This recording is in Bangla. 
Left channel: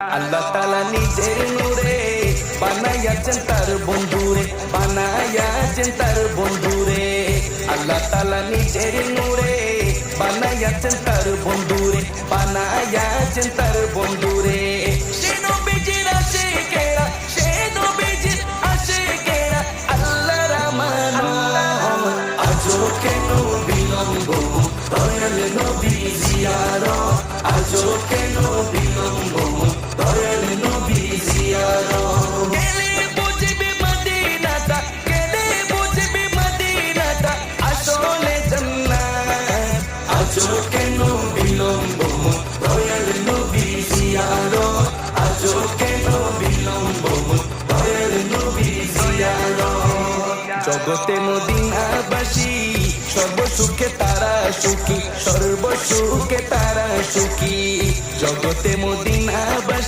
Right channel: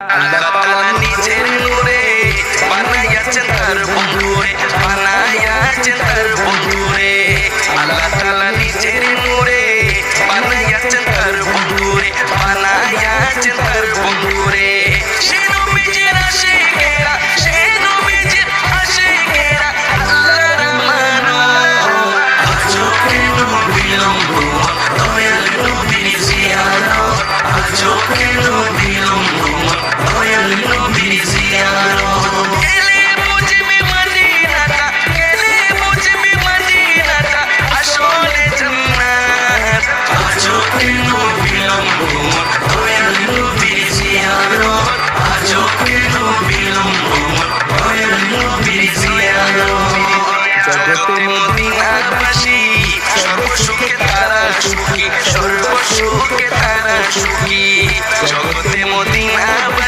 আল্লাহ তাআলা নিজের নূরে বানাইয়াছেন তার বন্ধুরে, বানাইয়াছেন তার বন্ধুরে। আল্লাহ তাআলা নিজের নূরে বানাইয়াছেন তার বন্ধুরে, বানাইয়াছেন তার বন্ধুরে। সে নবীজির আশিকেরা, সে নবীজির আশিকেরা আল্লাহর আমানত। আজও কেন বিলম্ব দয়াল নবীর জিয়ারত, আজও কেন বিলম্ব দয়াল নবীর জিয়ারত। গেলে বুঝবি মদিনাটা, গেলে বুঝবি মদিনাটা আসলে জান্নাত। আজও কেন বিলম্ব দয়াল নবীর জিয়ারত, আজও কেন বিলম্ব দয়াল নবীর জিয়ারত। জগতে মদিনাবাসী সর্বসুখে তারা সুখী, সর্বসুখে তারা সুখী। জগতে মদিনাবাসী